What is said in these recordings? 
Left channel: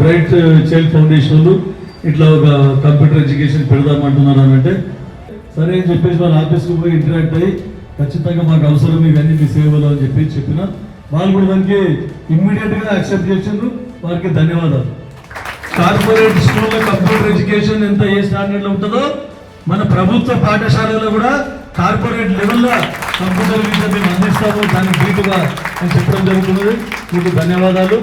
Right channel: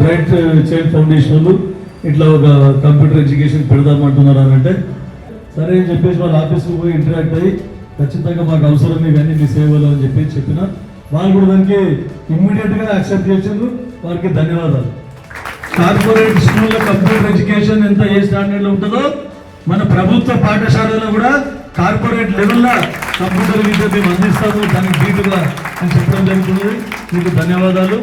Bright child foundation వాళ్ళు ఇట్లా ఒక కంప్యూటర్ ఎడ్యుకేషన్ పెడదామంటున్నారు అని అంటే సరే అని చెప్పేసి వాళ్ళ ఆఫీస్కి పోయి ఇంటరాక్ట్ అయ్యి ఖచ్చితంగా మాకు అవసరం ఇవన్నీ మీ సేవలు అని చెప్పి చెప్పిన వాళ్ళు కూడా దానికి ఇమ్మీడియట్గా యాక్సెప్ట్ చేసిండ్రు. వారికి ధన్యవాదాలు. కార్పొరేట్ స్కూల్లో కంప్యూటర్ ఎడ్యుకేషన్ ఎంత ఏ స్టాండర్డ్లో ఉంటుందో మన ప్రభుత్వ పాఠశాలలో కూడా కార్పొరేట్ లెవెల్లో కంప్యూటర్ విద్య మేము అందిస్తాము, దానికి ధీటుగా అని చెప్పడం జరుగుతుంది. మీకు ధన్యవాదాలు.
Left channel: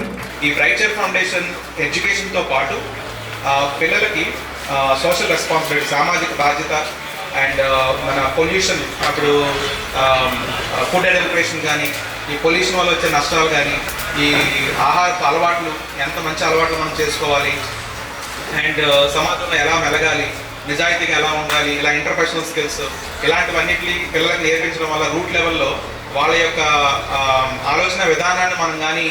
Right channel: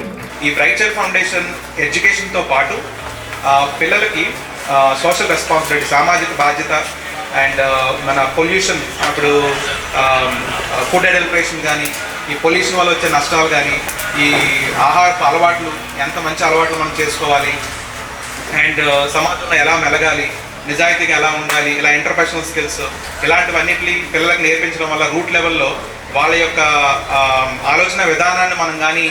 ఈ బ్రైట్ చైల్డ్ ఫౌండేషన్ ఎడ్యుకేషన్తో పాటు పిల్లలకి సోషల్ రెస్పాన్సిబిలిటీ, సామాజిక బాధ్యత అండ్ మన పొల్యూషన్, అప్పుడు ఫుడ్ అడల్టరేషన్ కానీ, ఈ పొల్యూషన్ వల్ల వచ్చే నష్టాలు కానీ, ఈ ఆహారపు అలవాట్లు ఎంత మంచి అలవాట్లు మనం చేసుకోవాలి అండ్ సమాజంలో ఎలా మెలగాలి, నిజాయితీగా ఎలా ఉండాలి, ఇలా ఇంటర్పర్సనల్ స్కిల్స్ ఇలాంటివన్నిటిని పిల్లలకు నేర్పించడం వల్ల రూట్ లెవెల్లో వాళ్ళ యొక్క ఆలోచన విధానాన్ని మనం కానీ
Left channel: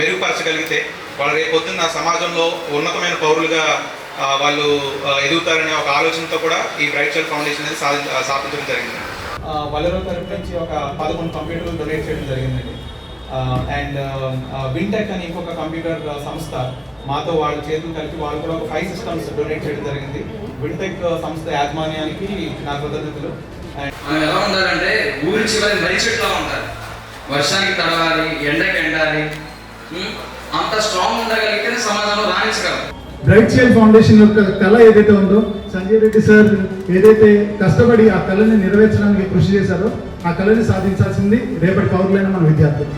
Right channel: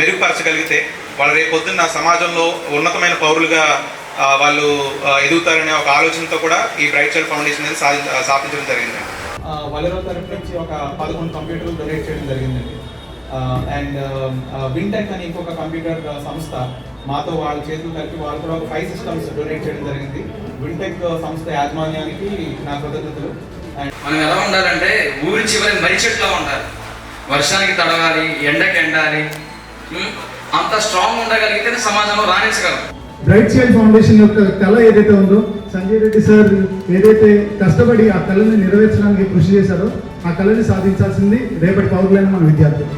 మెరుగుపరచగలిగితే వాళ్ళు రేపు పొద్దున్న సమాజంలో ఉన్నతమైన పౌరులుగా వాళ్ళు ఎదుగుతారనే ఒక ఆలోచనతో కూడా ఈ బ్రైట్ చైల్డ్ ఫౌండేషన్ అనేది స్థాపించడం జరిగింది. వలెరో తరఫు నుంచి ఒక 11 కంప్యూటర్లు డొనేట్ చేయడం జరిగింది. అండ్ వింటెక్ అని ఇంకొక కంప్యూటర్ సంస్థ మాతో వాళ్ళ చేతులు కలిపి వాళ్ళు కూడా ఒక 5 సిస్టమ్స్ డొనేట్ చేయడం జరిగింది. వింటెక్ సంస్థ యాజమాన్యానికి నా కృతజ్ఞతలు. మనం ఎలా ఉండాలంటే ఊరి చివరి మర్రి చెట్లా ఉండాలి. వర్షానికి తడవాలి, ఎండకి ఎండాలి, అంత స్ట్రాంగ్ ఉండగలిగితే సమాజంలో రాణించగలం. బ్రైట్ చైల్డ్ ఫౌండేషన్ యొక్క కళ ఏదైతే ఉందో, సంజయ్ రెడ్డి సార్ ఏదైతే కష్టపడి ఆ కళని నెరవేర్చడానికి కృషి చేశారో ఆ కళని సాధించాల్సింది రేపటి పౌరులైన మన విద్యార్థులు.